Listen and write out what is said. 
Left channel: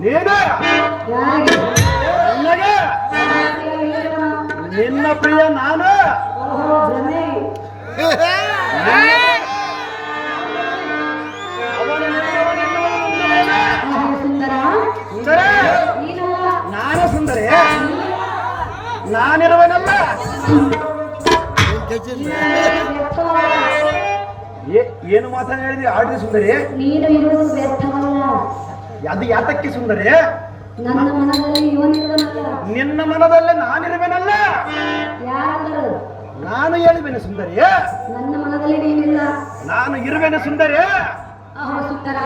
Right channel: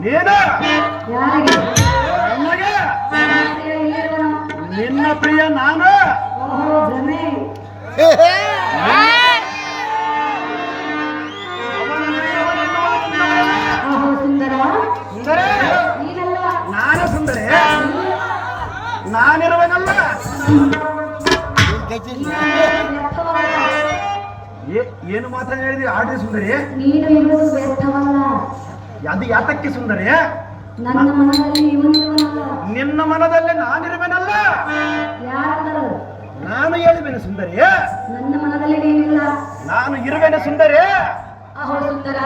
ನೀನು ನನಗೆ ನಿನ್ನ ಪ್ರಿಯ ನಾನು ನಾನು ಸುಂದರಿ ನಾನಿರುವನಲ್ಲ ಏನು ಮಾತಾ ಹೇಳಿದ್ರಿ ಆಡ್ರಿ ಸುಂದರಿ ನೀನು ಇರುವುದು ವ್ಯರ್ಥವಲ್ಲ ಅದು ಯಾತಕ್ಕೆ ಸುಂದರಿ ನನ್ನ ಮನದಲ್ಲಿ ಇವನಿರುವನಲ್ಲ ನಿನ್ನ ಮನದಲ್ಲಿ ನಾನಿರುವೆನಲ್ಲ ಯಾರಂದರು ನಾನು ಹೇಳಿವೆನು ಸುಂದರಿ ನನ್ನ ಮನದಲ್ಲಿ ನೀನಿಲ್ಲ ನಾನು ಇರುವೆನು ಸುಂದರಿ ಅಹೋ ಸುಂದರ